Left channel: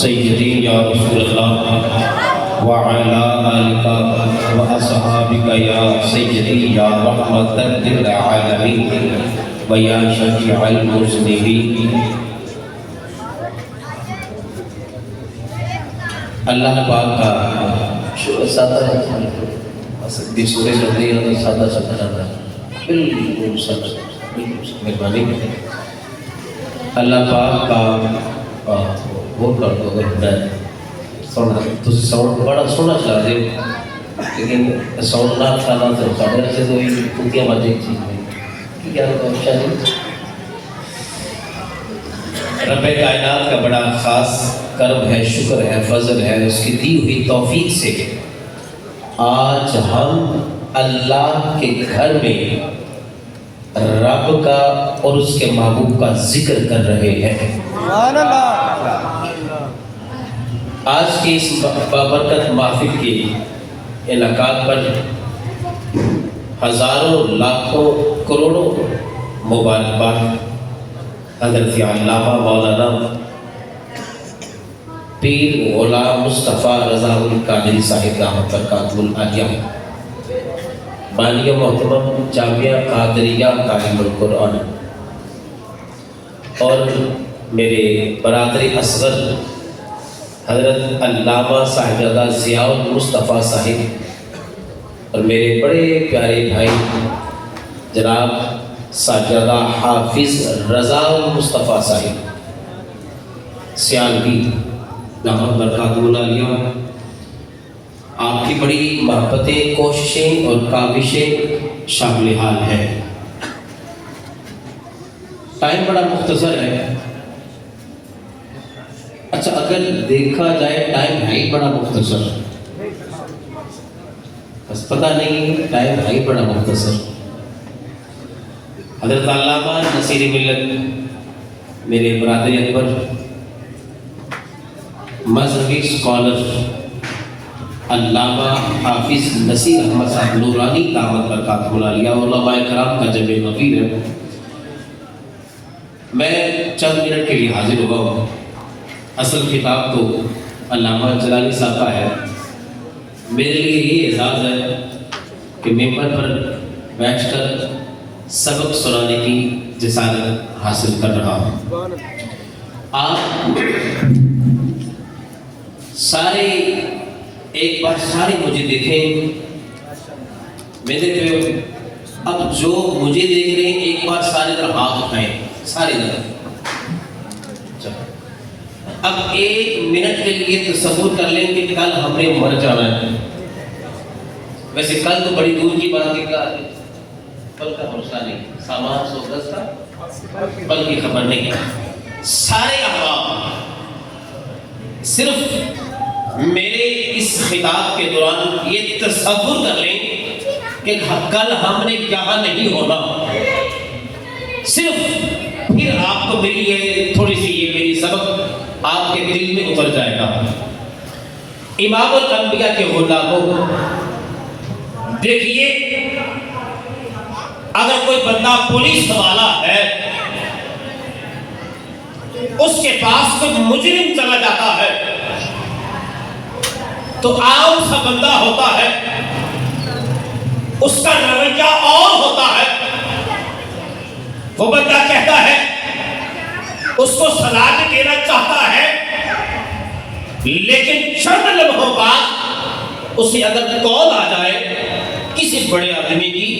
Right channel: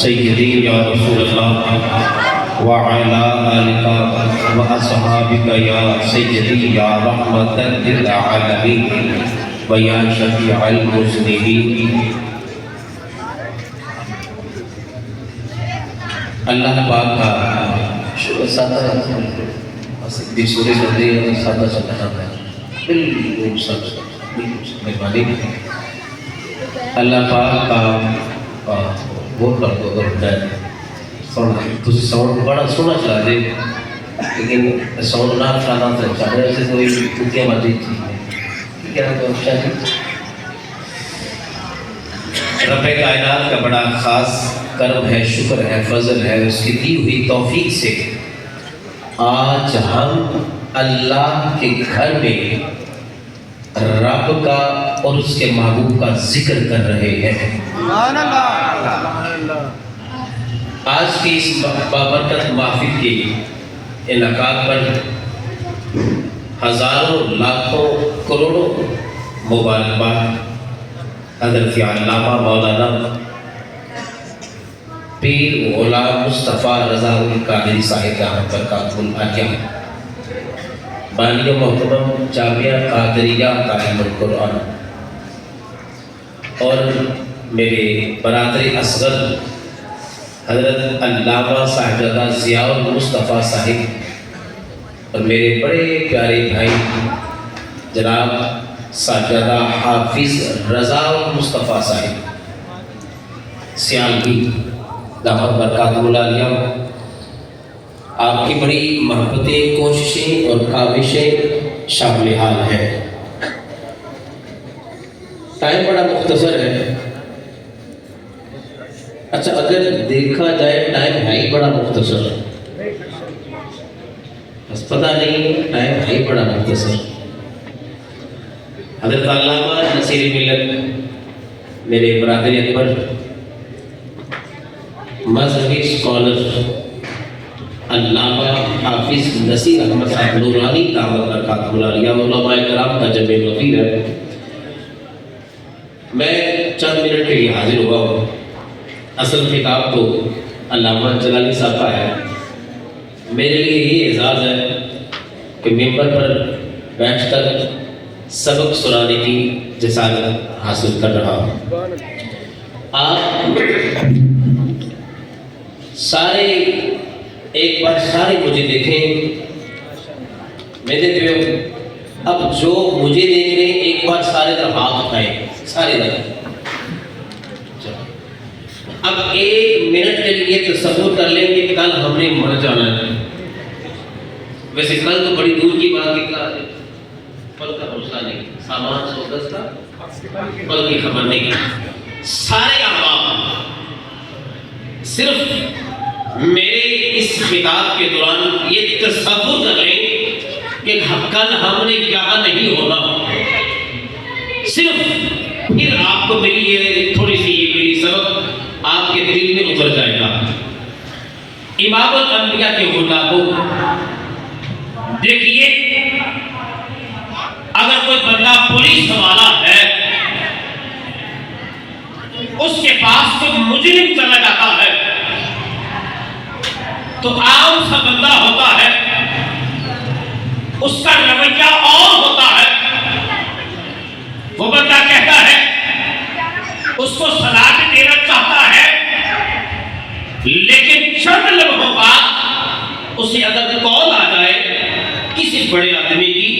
سیدی یا رسول اللہ وعلا آلکا واصحابکا یا سیدی یا رحمت للعالمین ویا شفیع المذنبین۔ اللہ پاک کا سادہ سورہ لگے سادہ سادہ بالکل سچ مہربانی اللہ پاک کا وہ کر دو اگر ساؤنڈ بڑا سونا چلا دے لیکن ساؤنڈ نہ چلانا تو سارے ایسے تو کتیا باتیں چیز نہیں کیا رب کائنات کا بڑا خاص کرم ہے، شکر ہے، فضل ہے اس کی دی ہوئی توفیق سے آج ہم اللہ کے گھر میں رب کا اور اس کے محبوب کا ذکر کر رہے ہیں۔ آج کی اس بابرکت محفل کے انعقاد پر ہزاروں لاکھوں کروڑوں مبارکباد حضرت علامہ مولانا پیر غلام مصطفیٰ رضا القادری صاحب دامت برکاتہ العالیہ بانی محترم جامعہ قادریہ تعلیم القرآن اور میرے برادر اصغر حضرت علامہ صاحبزادہ ضیاء المصطفیٰ صاحب اور میرے بڑے پیارے بھائی جناب صاحبزادہ حافظ رضا المصطفیٰ صاحب سیالوی دامت برکاتہ العالیہ، آپ کی بڑی محبتیں، کوششیں اور کاوشیں شامل حال ہیں۔ ٹائم بڑا مختصر ہے، اچھا اگر دیکھا جائے ٹائم ہے ہی بڑا مختصر، بس پتہ نہیں ٹائم ہے ہی بڑا مختصر۔ حضرت علامہ نصیر ملت میرے برادر اکبر مذہبی اسکالر علامہ حافظ نصیر احمد صاحب نورانی دامت برکاتہ العالیہ علماء کرام کا جمع وفیر ہے، میں چند منٹ کے لیے حاضر ہوا ہوں۔ اصل خطاب تو علامہ جلالی صاحب کا ہے، میرے لیے یہ اعزاز ہے کہ ممبر پر بیٹھ کر سبق سنانے کی جسارت حاصل کر رہا ہوں۔ آپ سارے ایک بار سارے مجھے دیکھیں، میں دیکھ رہے ہوں، اب جو مجھے دیکھ رہے ہیں ایک بار سارے طرف ہاتھ اٹھائیں، سارے طرف۔ اب ایک منٹ کے لیے تصور کر لیں کہ کل ہم نے مر جانا ہے، ویسے کل تو بڑی دور کی بات ہے، پل کا حوصلہ نہیں، سامان سوگس کا پل کی خبر نہیں، سارے احباب صرف میرے اس خطاب کے دوران یہ تصور کر لیں کہ کل ہم نے یہاں نہیں ہونا، صرف پھر آپ کو میری یہ تھوڑی سی یہ میری سبق آپ کے دل میں اتر جائے گا۔ امام الانبیاء کے غلاموں، دیکھیے اگر کوئی بندہ پولیس والا ہے، اس کے پاس کوئی مجرم چلا جاتا ہے تو عام سا بندہ ہوتا ہے، اس کا رویہ اور ہوتا ہے، وہ بندہ کہتا ہے، اس کو سلام دینا چاہتا ہے، لیکن چند لمحوں بعد اسے اگر کال آ جائے کسی بڑے آدمی کی،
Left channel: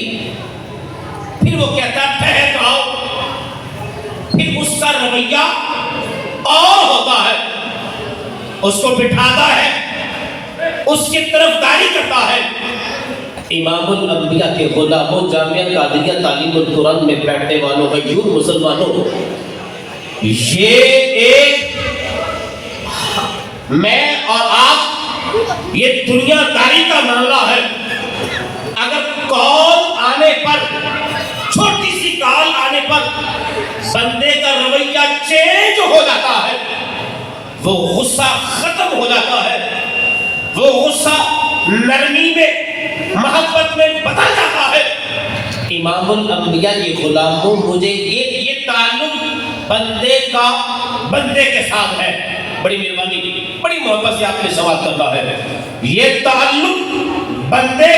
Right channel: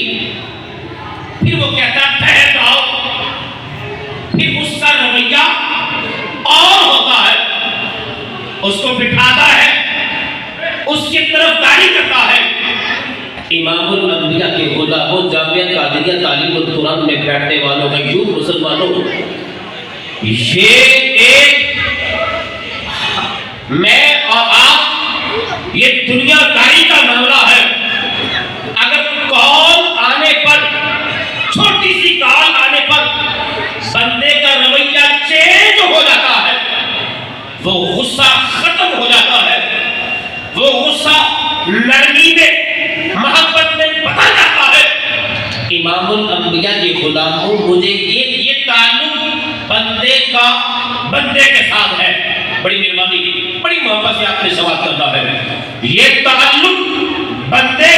پھر وہ کہتا ہے ٹھہر آؤ، پھر اس کا رویہ اور ہوتا ہے، اس کو بٹھاتا ہے، اس کی طرف داری کرتا ہے۔ امام الانبیاء کے غلاموں، جامعہ قادریہ تعلیم القرآن میں بیٹھنے والوں کا یوں مسلمانوں، یہ ایک میں اور آپ یہ دنیا داری کا معاملہ ہے۔ اگر کال آنے پر، چھوٹی سی کال آنے پر بندے کا رویہ چینج ہو جاتا ہے، وہ غصہ ختم ہو جاتا ہے، وہ غصہ نرمی میں، محبت میں بدل جاتا ہے۔ امام الانبیاء کے غلاموں، مجھے یہ تعلق بندے کا بندے کے ساتھ ہے، بڑی مہربانی، بڑی محبت سے آپ نے سوال کرنا ہے. یہ تعلق بندے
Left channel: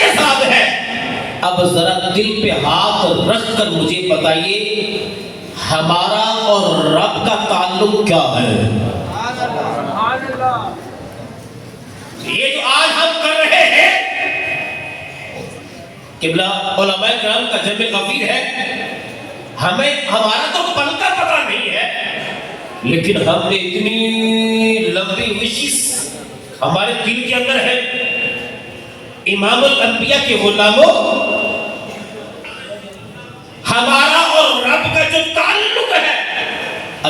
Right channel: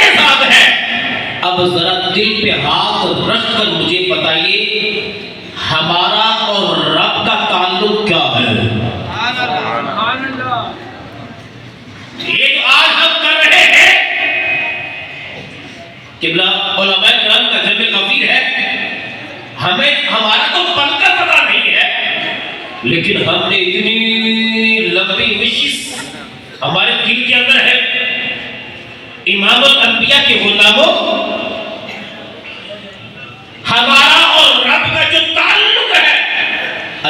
کے ساتھ ہے. اب ذرا دل پہ ہاتھ رکھ کر مجھے بتائیے ہمارا اور رب کا تعلق کیا ہے؟ یہ جو آج ہم کر رہے ہیں قبلہ علماء کرام کا جمع غفیر ہے، ہمارا تو بنتا پتا نہیں ہے، لیکن ہم نے اتنی لمبی وشش ہمارے دل کے اندر ہے. امام الانبیاء کے غلاموں، ہمارا اور رب کا جو تعلق ہے،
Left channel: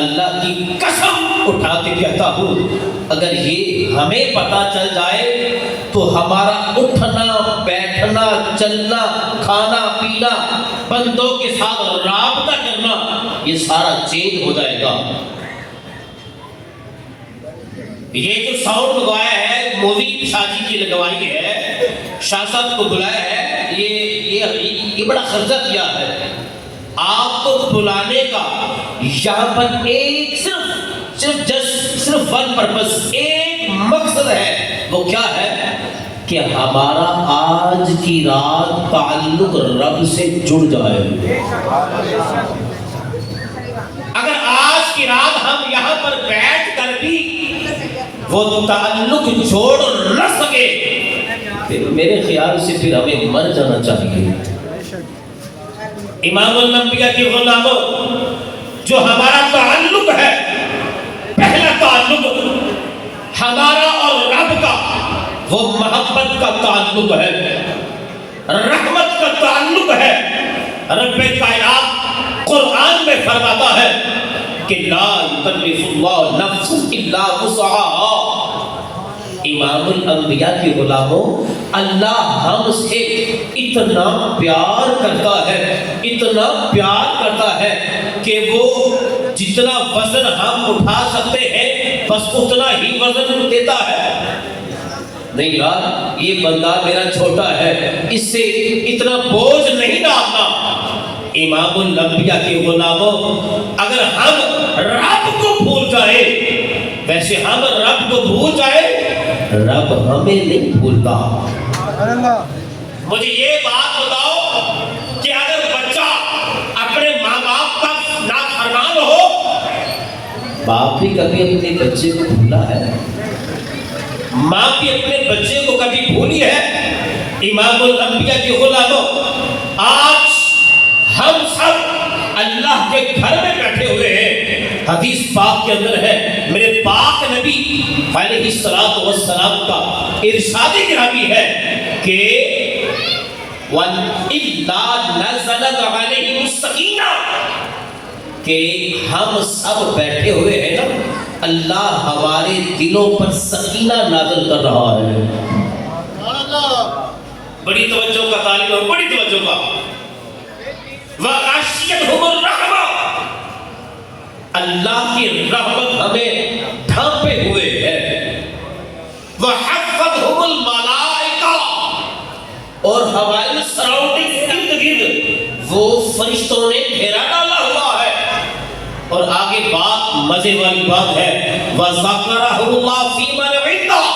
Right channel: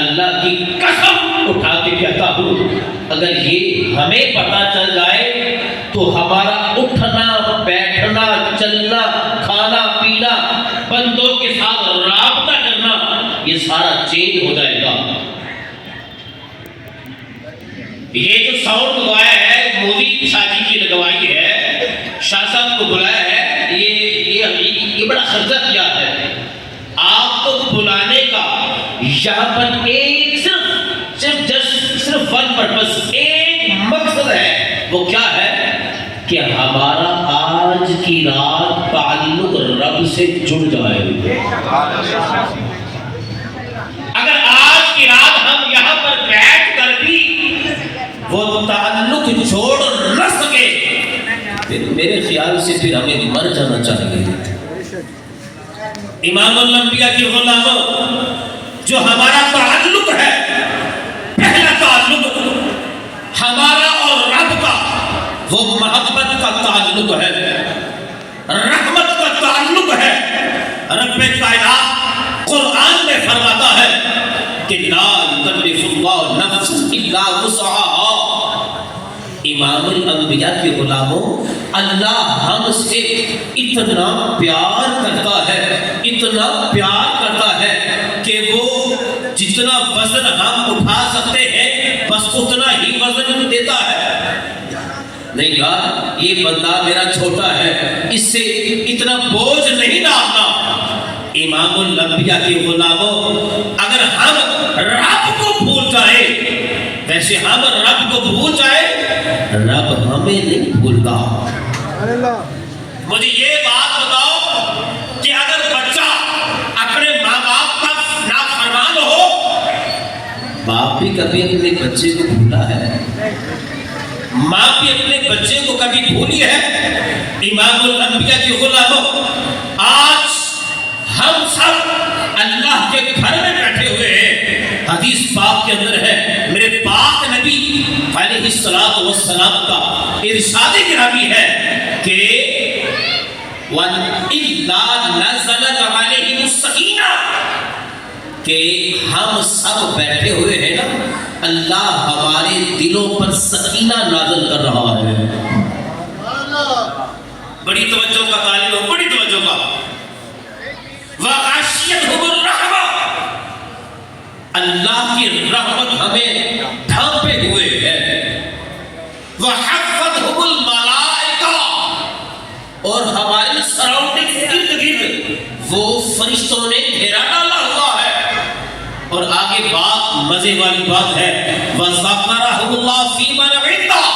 اللہ کی قسم اٹھا کے کہتا ہوں اگر یہ ہمیں پتا چل جائے تو ہمارا اٹھنا بیٹھنا چلنا کھانا پینا بندوں کے ساتھ رابطہ کرنا یہ سارا چینج ہو جائے گا. یہ جو ساؤنڈ لگوایا ہے مووی شادی کی لگوائی ہے، شاہ صاحب کو بلایا ہے، یہ بڑا خرچہ کیا ہے. آپ کو بلانے کا یہاں پر ایک صرف ون پرپس، ایک مقصد ہے. وہ کیا ہے کہ ہمارا آج کی رات تعلق رب سے جڑ جائے. اگر آج کی رات ہم یہاں پر بیٹھ کر بھی وہ تعلق چھوڑ نہ سکے پھر میرے خیال سے پھر ہمیں مر جانا چاہیے. امام الانبیاء کے غلاموں، جو ہمارا تعلق ہے، پہلا تعلق ہمارا اور رب کا وہ محبت کا تعلق ہے، رحمت کا تعلق ہے. رب کائنات قرآن میں فرماتا ہے کہ لا یکلف اللہ نفسا الا وسعها. امام الانبیاء کے غلاموں، اللہ ہم سے اتنا پیار کرتا ہے کہ وہ جتنا وزن ہم اٹھا سکتے ہیں بس اتنا ہی وزن دیتا ہے. نہیں یار یہ بندہ میرا چھوٹا ہے، اس سے اتنا بوجھ نہیں ڈالنا. امام الانبیاء کے غلاموں، اگر ہم رب کو بھول جائیں، ویسے ہم رب کو بھول جائیں، رب ہمیں نہیں بھولتا. مجھے یہ بات بتاؤ کہ اگر بچہ اپنے ماں باپ کا نافرمان ہو، باپ بھی کبھی اپنے بچے کو بھولا ہے؟ ماں بھی اپنے بچے کو کبھی بھولی ہے؟ امام الانبیاء کے غلاموں، آج ہم سب اللہ کے گھر میں بیٹھے ہوئے ہیں. حدیث پاک کے اندر ہے، میرے پاک نبی علیہ السلام کا ارشاد گرامی ہے کہ وَإِلَّا نَزَلَتْ عَلَيْهِمُ السَّكِينَةُ کہ ہم سب بیٹھے ہوئے ہیں نا، اللہ ہمارے دلوں پر سکینہ نازل کر رہا ہے. بڑی توجہ کا طالب ہو، بڑی توجہ کا. وَغَشِيَتْهُمُ الرَّحْمَةُ اللہ کی رحمت ہمیں ڈھانپے ہوئے ہے. وَحَفَّتْهُمُ الْمَلَائِكَةُ اور ہماری سراؤنڈنگ ارد گرد وہ فرشتوں نے گھیرا ڈالا ہوا ہے. اور آگے بات مزے والی بات ہے، وَذَكَرَهُ اللَّهُ فِي مَنْ عِندَهُ.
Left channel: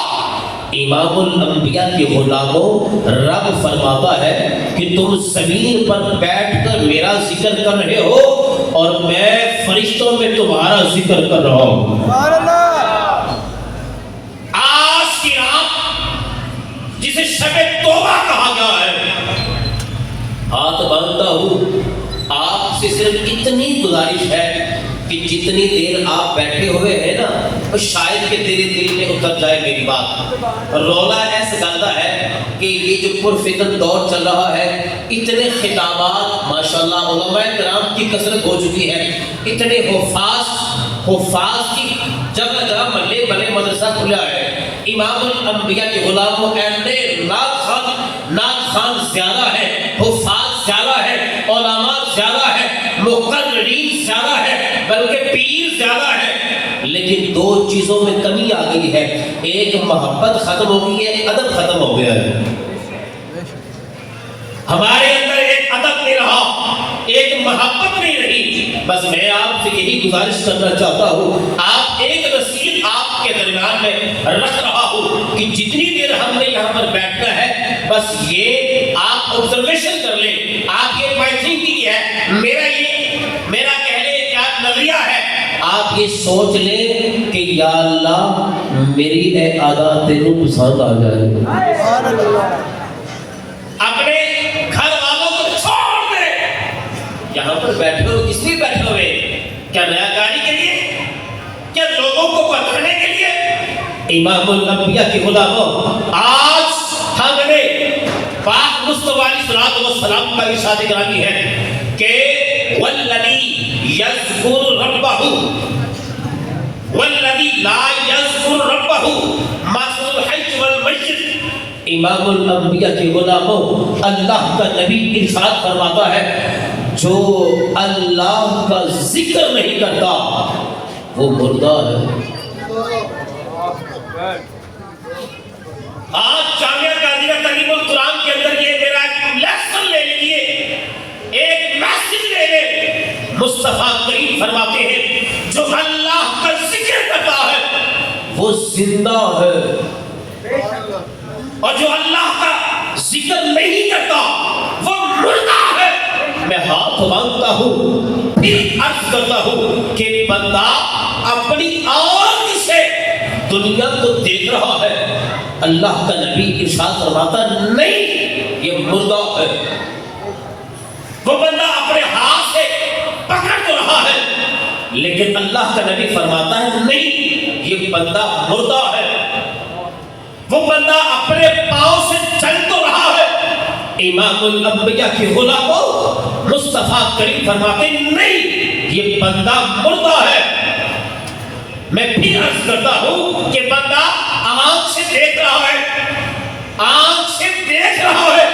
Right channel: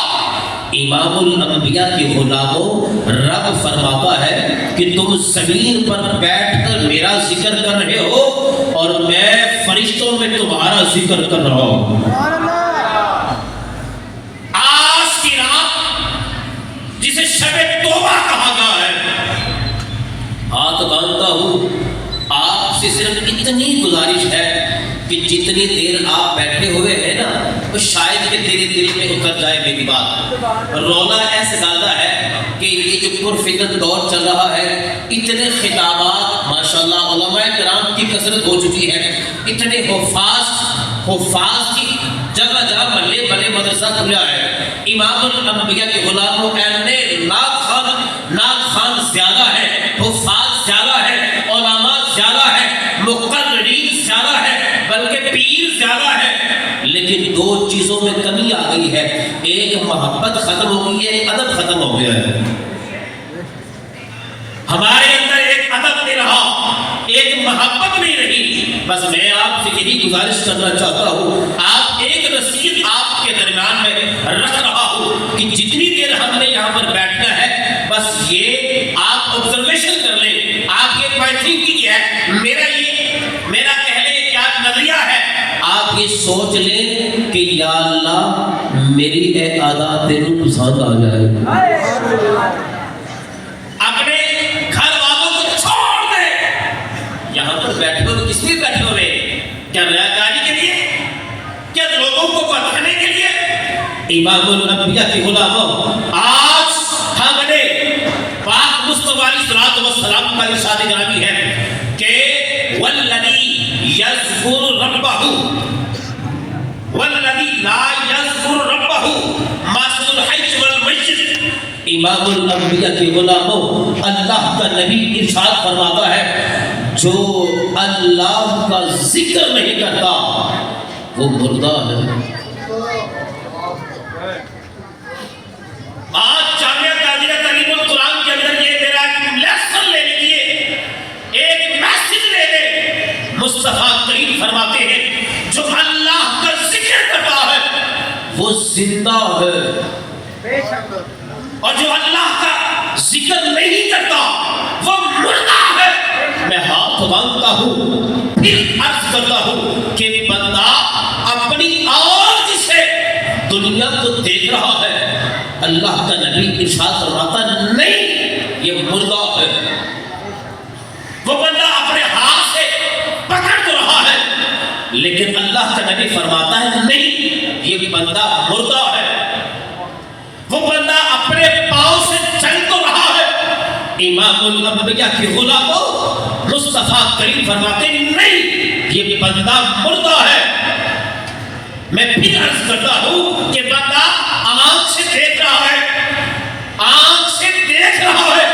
امام الانبیاء کے غلاموں، رب فرماتا ہے کہ تم زمین پر بیٹھ کر میرا ذکر کر رہے ہو اور میں فرشتوں میں تمہارا ذکر کر رہا ہوں. آج کی رات جسے شب توبہ کہا گیا ہے، ہاتھ باندھتا ہوں، آپ سے صرف اتنی گزارش ہے کہ جتنی دیر آپ بیٹھے ہوئے ہیں نا، وہ شاید کہ تیرے دل میں اتر جائے میری بات. رولا ایسے ڈالتا ہے کہ یہ جو پرفتن دور چل رہا ہے، اتنے خطابات ماشاءاللہ علماء کرام کی کثرت ہو چکی ہے، اتنے حفاظ کی جگہ جگہ ملے بلے مدرسہ کھلا ہے. امام الانبیاء کے غلاموں اینے ناک خان زیادہ ہے، حفاظ زیادہ ہے، علماء زیادہ ہے، مقررین زیادہ ہے، بلکہ پیر زیادہ ہے. لیکن دو چیزوں میں کمی آ گئی ہے، ایک محبت ختم ہو گئی ہے، ایک ادب ختم ہو گیا ہے. ہمارے اندر ایک ادب نہیں رہا، ایک محبت نہیں رہی. بس میں آپ سے یہی گزارش کرنا چاہتا ہوں، آپ کہ جتنی دیر ہم نے یہاں پر بیٹھنا ہے بس یہ آپ آبزرویشن کر لیں. آپ یہ مائی تھنکنگ ہے, میرا کہنے کیا نظریہ ہے, آپ یہ سوچ لیں کہ یا اللہ میری اے عادت تینوں پسند آ جائے. اپنے گھر والوں کو چھوڑ دے. یہاں پر بیٹھے ہو کس لیے بیٹھے ہوئے؟ کیا ریاکاری کے لیے؟ کیا لوگوں کو بتانے کے لیے؟ امام الانبیاء کے غلاموں, آج ہم نے پاک مصطفیٰ علیہ السلام کا ارشاد گرامی ہے کہ والذی یذکر ربہ والذی لا یذکر ربہ مثل الحج والمیت. امام الانبیاء کے غلاموں, اللہ کا نبی ارشاد فرماتا ہے جو اللہ کا ذکر نہیں کرتا وہ مردہ ہے. آج جامعہ قادریہ تعلیم القرآن کے اندر یہ میرا ایک لیسن لے لیجیے, ایک میسج لے لیں. مصطفیٰ کریم فرماتے ہیں جو اللہ کا ذکر کرتا ہے وہ زندہ ہے, اور جو اللہ کا ذکر نہیں کرتا وہ مردہ ہے. میں ہاتھ مانگتا ہوں پھر عرض کرتا ہوں کہ بندہ اپنی آنکھ سے دنیا کو دیکھ رہا ہے, اللہ کا نبی ارشاد فرماتا نہیں یہ مردہ ہے. وہ بندہ اپنے ہاتھ سے پکڑ تو رہا ہے لیکن اللہ کا نبی فرماتا ہے نہیں یہ بندہ مردہ ہے. وہ بندہ اپنے پاؤں سے چل تو رہا ہے. امام الانبیاء کے غلاموں, مصطفیٰ کریم فرماتے نہیں یہ بندہ مردہ ہے. میں پھر عرض کرتا ہوں کہ بندہ آنکھ سے دیکھ رہا ہے, آنکھ سے دیکھ رہا ہے,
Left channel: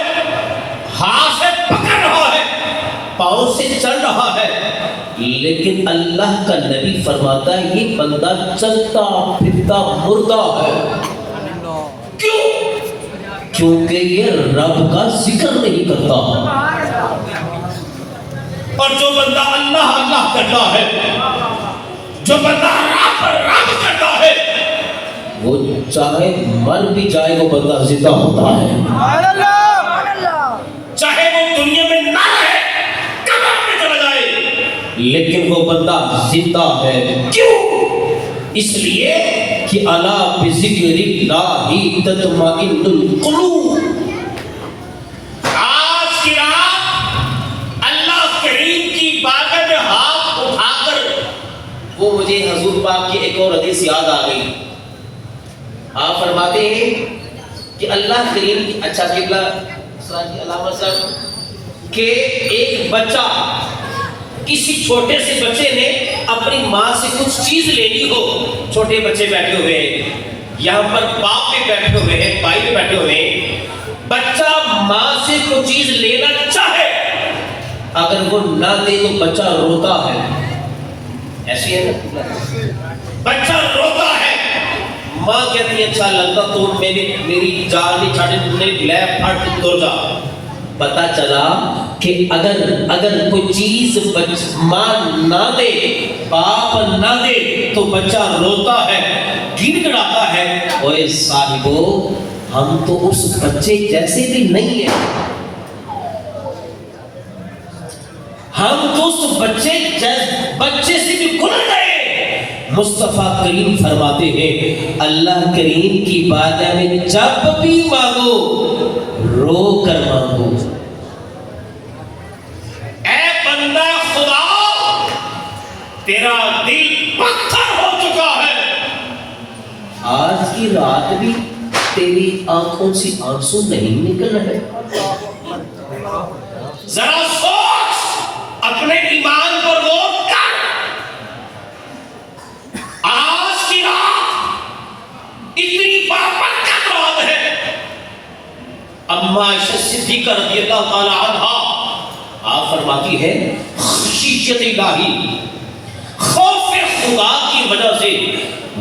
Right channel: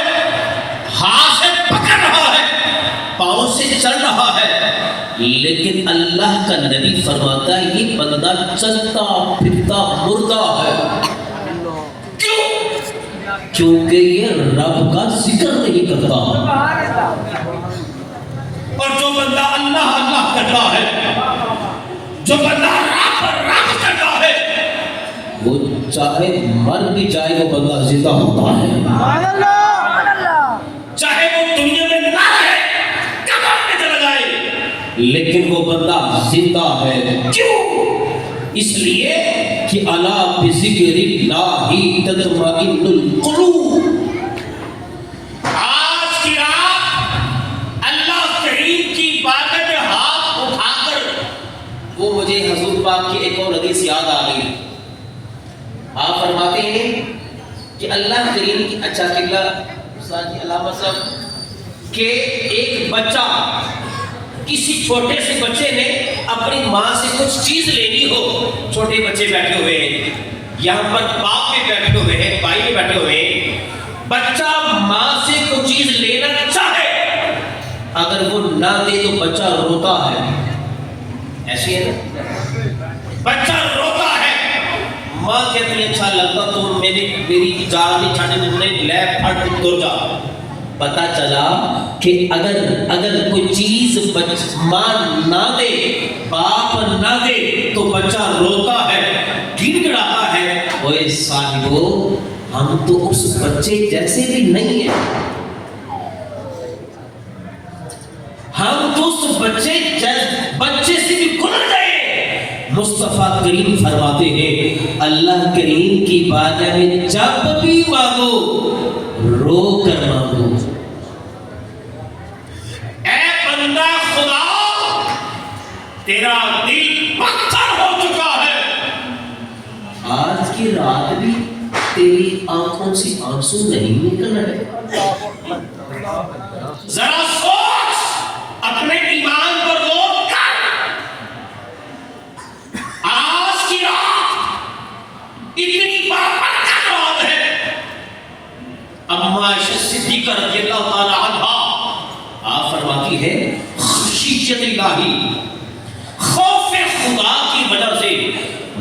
ہاتھ سے پکڑ رہا ہے, پاؤں سے چل رہا ہے, لیکن اللہ کا نبی فرماتا ہے یہ بندہ چلتا پھرتا مردہ ہے. کیوں؟ کیونکہ یہ رب کا ذکر نہیں کرتا. اور جو بندہ اللہ اللہ کرتا ہے, جو بندہ رب رب کرتا ہے, وہ چاہے مر بھی جائے وہ بندہ زندہ ہوتا ہے. چاہے وہ دنیا میں نہ رہے, قبر میں چلا جائے, لیکن وہ بندہ زندہ ہے. کیوں؟ اس لیے کہ الا بذکر اللہ تطمئن القلوب. آج کی رات اللہ کریم کی بارگاہ میں ہاتھ اٹھا کر وہ مجھے حضور پاک کی ایک اور حدیث یاد آ گئی. آپ فرماتے ہیں کہ اللہ کریم کی اچھا قبلہ علامہ صاحب کہ ایک بچہ, کسی چھوٹے سے بچے نے اپنی ماں سے کچھ چیز لینی ہو. چھوٹے بچے بیٹھے ہوئے ہیں, یہاں پر باپ بھی بیٹھے ہوئے ہیں, بھائی بھی بیٹھے ہوئے ہیں. بچہ ماں سے کوئی چیز لینا چاہے, اگر وہ نہ دے تو بچہ روتا ہے. ایسی ہے نا, بچہ روتا ہے. ماں کہتی ہے اچھا لگتا تو میری جان نہیں چھاڑے, میری لیب پھٹ دو جا. پتا چلا کہ اگر کوئی چیز ماں نہ دے, باپ نہ دے تو بچہ روتا ہے, گڑ گڑاتا ہے. اوے صاحبو, ہم تو اس بچے جیسے بھی نہیں ہیں, ہم تو اس بچے سے بھی گزر گئے. مصطفیٰ کریم فرماتے ہیں اللہ کریم کی بارگاہ میں جب بھی مانگو رو کر مانگو. اے بندہ خدا, تیرا دل پتھر ہو چکا ہے, آج کی رات بھی تیری آنکھوں سے آنسو نہیں نکل رہے. ذرا سوچ اپنے ایمان پر غور کر. آج کی رات اتنی بابرکت رات ہے. اما صدیقہ رضی اللہ تعالی عنہا آپ فرماتی ہے خشیت الہی, خوف خدا کی وجہ سے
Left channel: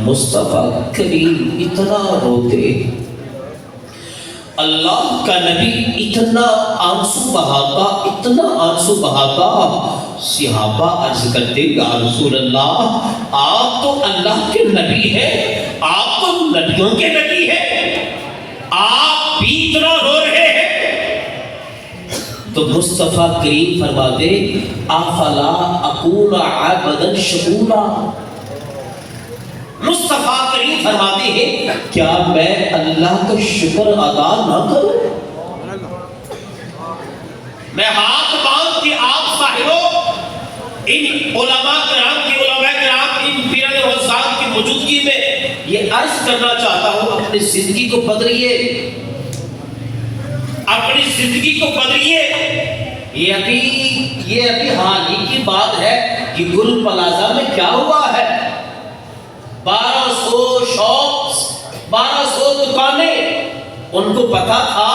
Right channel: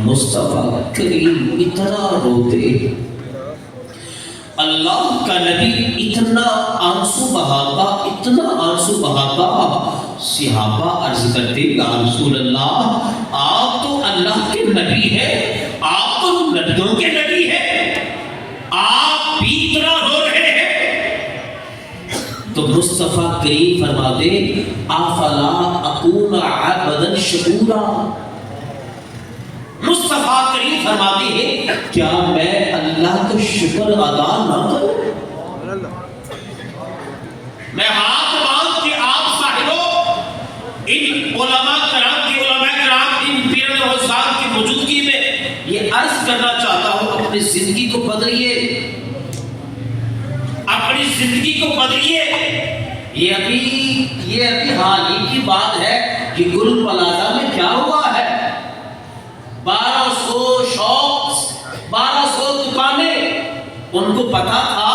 مصطفیٰ کریم اتنا روتے, اللہ کا نبی اتنا آنسو بہاتا. صحابہ عرض کرتے یا رسول اللہ, آپ تو اللہ کے نبی ہیں, آپ تو نبیوں کے نبی ہیں, آپ بھی اتنا رو رہے ہیں؟ تو مصطفیٰ کریم فرماتے افلا اکون عبدا شکورا، مصطفیٰ کریم فرماتے ہیں کیا میں اللہ کا شکر ادا نہ کروں؟ میں ہاتھ باندھ کے آپ صاحبوں ان علماء کرام ان پیران روزگار کی موجودگی میں یہ عرض کرنا چاہتا ہوں، اپنی زندگی کو بدلیے، اپنی زندگی کو بدلیے۔ یہ ابھی حال ہی کی بات ہے کہ گل پلازا میں کیا ہوا ہے، 1200 شاپس، 1200 دکانیں، ان کو پتا تھا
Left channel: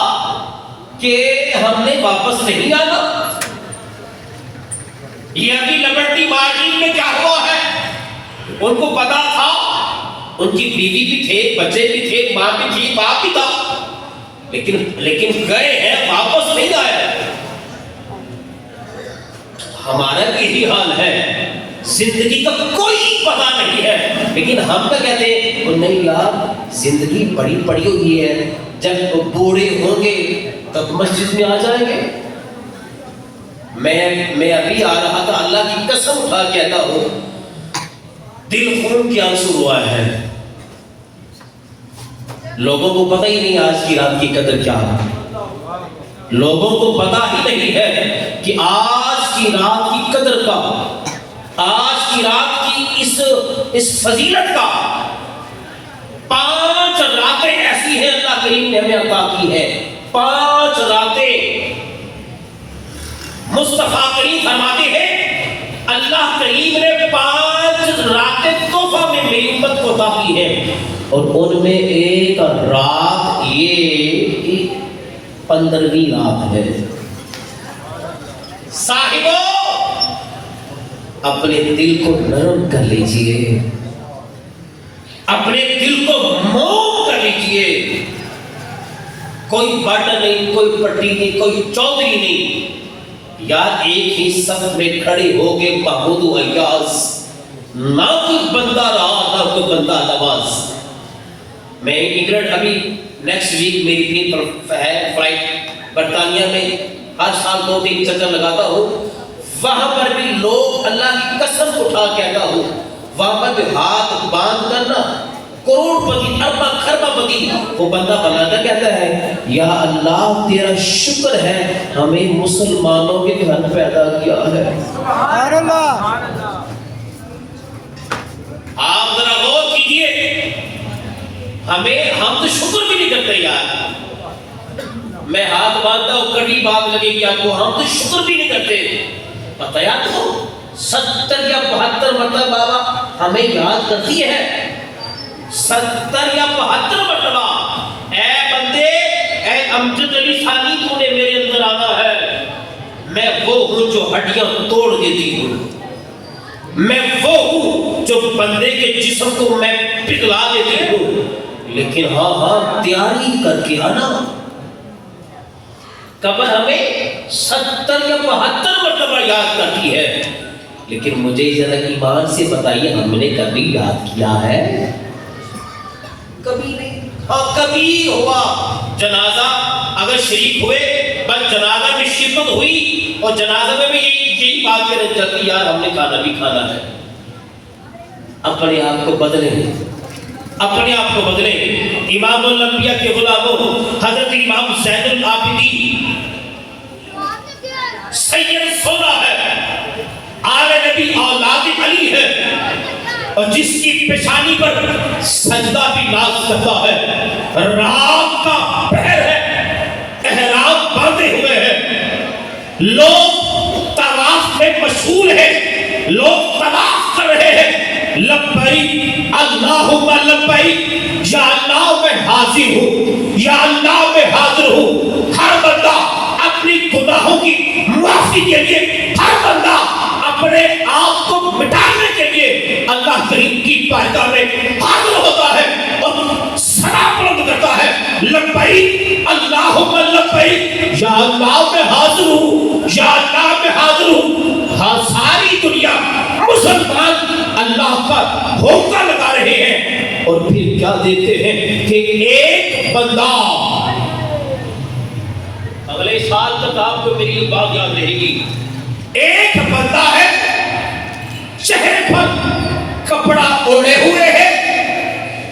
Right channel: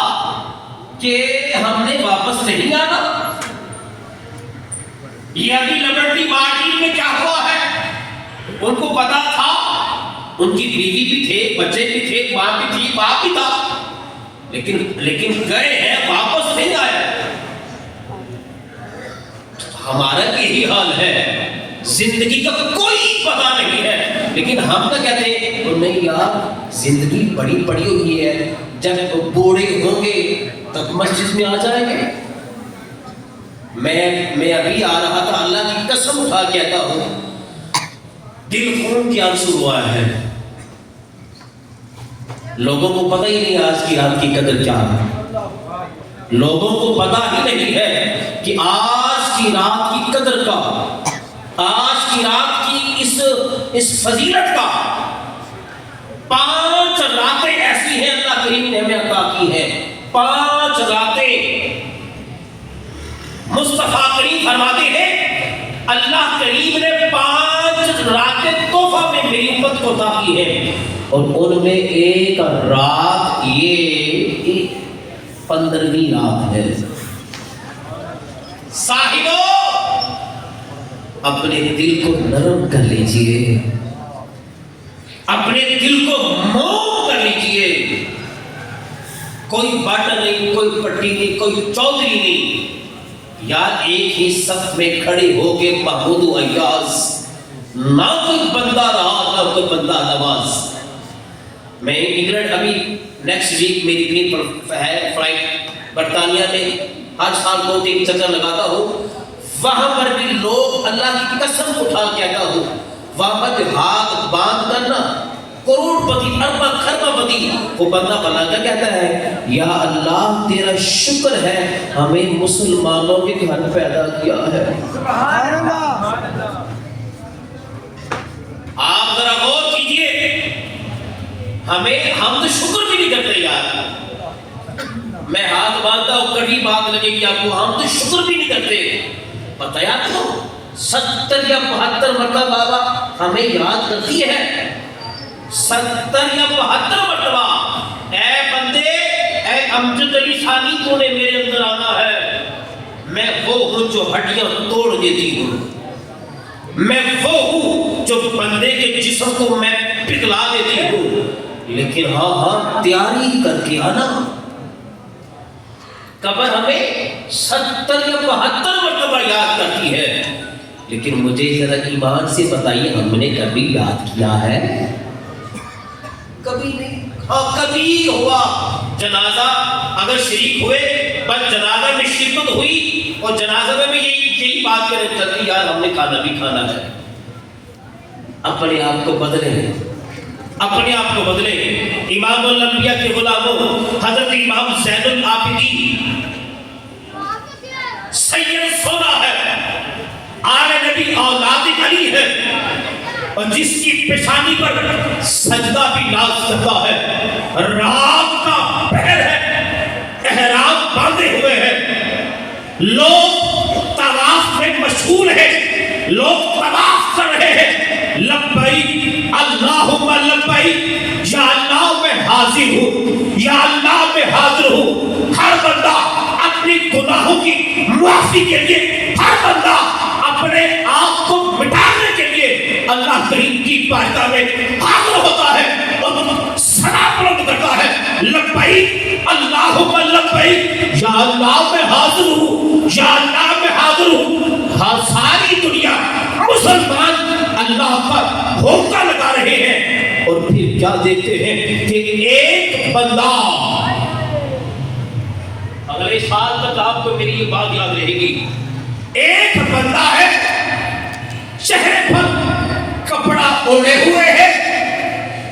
کہ ہم نے واپس نہیں آنا۔ یہ ابھی لبرٹی مارکیٹ میں کیا ہوا ہے، ان کو پتا تھا، ان کی بیوی بھی تھے، بچے بھی تھے، ماں بھی تھی، باپ بھی تھا، لیکن گئے ہیں، واپس نہیں آئے۔ ہمارا یہی حال ہے، زندگی کا کوئی پتہ نہیں ہے، لیکن ہم تو کہتے ہیں نہیں یار زندگی بڑی پڑی ہوئی ہے، جب بوڑھے ہوں گے تب مسجد میں آ جائیں گے۔ میں ابھی آ رہا تھا، اللہ کی قسم اٹھا کہتا ہوں، دل خون کے آنسو ہوا ہے۔ لوگوں کو پتہ ہی نہیں آج کی رات کی قدر کیا ہے، لوگوں کو پتہ ہی نہیں ہے کہ آج کی رات کی قدر کا، آج کی رات کی اس فضیلت کا۔ 5 راتیں ایسی ہیں اللہ کریم نے ہمیں عطا کی ہے، 5 راتیں۔ مصطفیٰ کریم فرماتے ہیں اللہ کریم نے 5 راتیں تحفہ میں میری امت کو عطا کی ہے، اور ان میں ایک رات یہ 15ویں رات ہے۔ صاحبوں اپنے دل کو نرم کر لیجئے، اپنے دل کو موم کر لیجئے۔ کوئی بٹ نہیں، کوئی پٹی نہیں، کوئی چودھری نہیں، یار ایک ہی صف میں کھڑے ہو کے محمود و ایاز، نہ کوئی بندہ رہا نہ کوئی بندہ نواز۔ میں انگلینڈ ابھی نیکسٹ ویک میری بھی ہے فلائٹ برطانیہ میں، ہر سال 2-3 چکر لگاتا ہوں، وہاں پر بھی لوگ اللہ کی قسم اٹھا کہتا ہوں، وہاں پر بھی ہاتھ باندھ کر نا کروڑ پتی اربا خربا پتی وہ بندہ بنا کر کہتا ہے یا اللہ تیرا شکر ہے ہمیں مسلمانوں کے گھر پیدا کیا ہے۔ سبحان اللہ۔ آپ ذرا غور کیجئے، ہم تو شکر بھی نہیں کرتے یار، میں ہاتھ باندھتا ہوں کڑی بات لگے گی آپ کو، ہم تو شکر بھی نہیں کرتے۔ پتہ یا تو 70 یا 72 مرتبہ بابا ہمیں یاد کرتی ہے، 70 یا 72 مرتبہ اے بندے، اے امجد علی ثانی تو نے میرے اندر آنا ہے، میں وہ ہوں جو ہڈیاں توڑ دیتی ہوں، میں وہ ہوں جو بندے کے جسم کو میں پگھلا دیتی ہوں، لیکن ہاں تیاری کر کے آنا۔ قبر ہمیں 70 یا 72 مرتبہ یاد کرتی ہے، لیکن مجھے ذرا ایمان سے بتائیے ہم نے کبھی یاد کیا ہے؟ کبھی نہیں۔ ہاں کبھی ہوا جنازہ، اگر شریک ہوئے، بس جنازہ میں شرکت ہوئی اور جنازہ میں یہی بات کرنے چلتی یار ہم نے کھانا بھی کھانا ہے۔ اپنے آپ کو بدلیں، اپنے آپ کو بدلیں۔ امام الانبیاء کے غلاموں حضرت امام زین العابدین سید سونا ہے، آل نبی اولاد علی ہے، اور جس کی پیشانی پر سجدہ بھی ناز کرتا ہے، رات کا پہر ہے، احرام باندھے ہوئے ہیں، لوگ طواف میں مشغول ہیں، لوگ طواف کر رہے ہیں، لبیک اللہم لبیک، یا اللہ میں حاضر ہوں، یا اللہ میں حاضر ہوں۔ ہر بندہ اپنی گناہوں کی معافی کے لیے، ہر بندہ اپنے آپ کو مٹانے کے لیے اللہ کریم کی بارگاہ میں حاضر ہوتا ہے اور صدا بلند کرتا ہے، لبیک اللہم لبیک، یا اللہ میں حاضر ہوں، یا اللہ میں حاضر ہوں۔ ہاں ساری دنیا مسلمان اللہ کا ہوکا لگا رہے ہیں، اور پھر کیا دیکھتے ہیں کہ ایک بندہ سال تک آپ کو میری یہ بات یاد رہے گی. ایک بندہ ہے چہرے پر کپڑا اوڑے ہوئے ہے,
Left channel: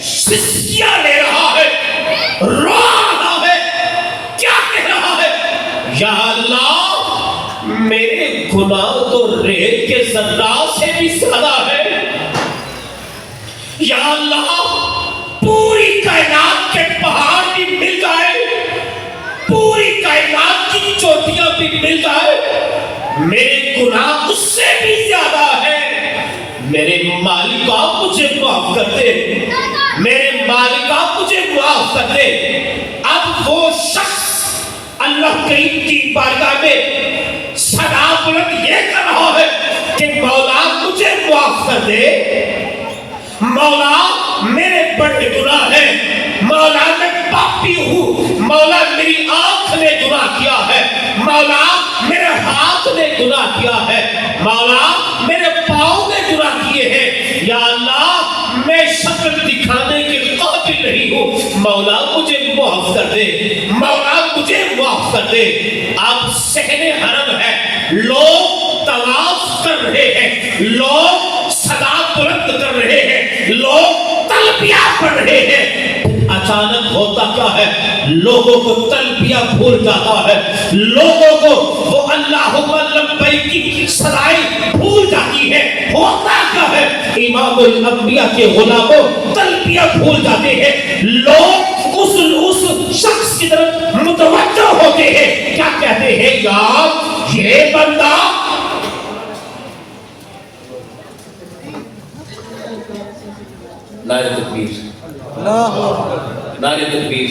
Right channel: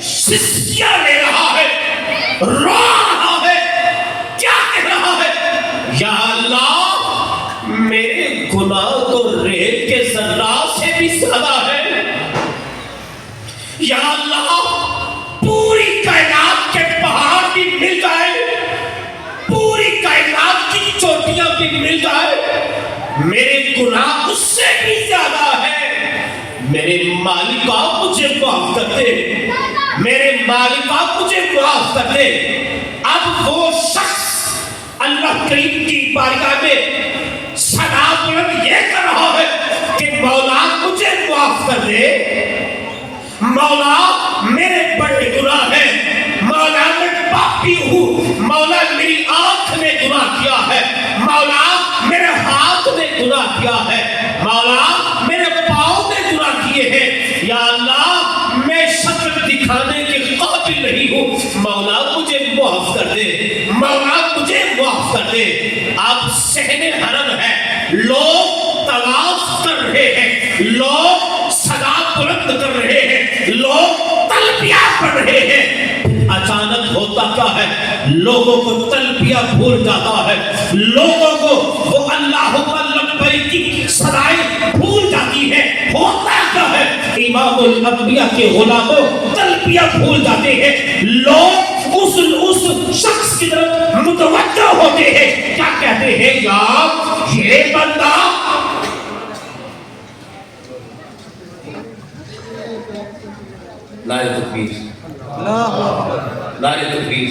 سسکیاں لے رہا ہے, رو رہا ہے, کیا کہہ رہا ہے؟ یا اللہ میرے گناہ تو ریت کے ذرات سے بھی زیادہ ہے. یا اللہ پوری کائنات کے پہاڑ بھی مل جائے, پوری کائنات کی چوٹیاں بھی مل جائے, میرے گناہ اس سے بھی زیادہ ہے. میرے مالکا مجھے معاف کر دے, میرے مالکا مجھے معاف کر دے. اب وہ شخص اللہ کریم کی بارگاہ میں صدا بلند یہ کر رہا ہے کہ مولا مجھے معاف کر دے, مولا میرے بڑے گناہ ہیں, مولا میں پاپی ہوں, مولا میری آنکھ نے گناہ کیا ہے, مولا میرے ہاتھ نے گناہ کیا ہے, مولا میرے پاؤں نے گناہ کیے ہیں. یا اللہ میں شکل دکھانے کے قابل نہیں ہوں, مولا مجھے معاف کر دے, مولا مجھے معاف کر دے. آپ صحن حرم ہے, لوگ طواف کر رہے ہیں, لوگ صدا بلند کر رہے ہیں, لوگ تلبیہ پڑھ رہے ہیں. اچانک ہوتا کیا ہے, لوگوں کو تلبیہ بھول جاتا ہے, لوگوں کو وہ اللہم لبیک کی صدائیں بھول جاتی ہے. ہوتا کیا ہے, امام الانبیاء کے غلاموں تلبیہ بھول جاتے ہیں, لوگ اس شخص کی طرف متوجہ ہوتے ہیں, کیا کہتے ہیں, یار یہ بندہ نعرہ تکبیر, نعرہ تکبیر.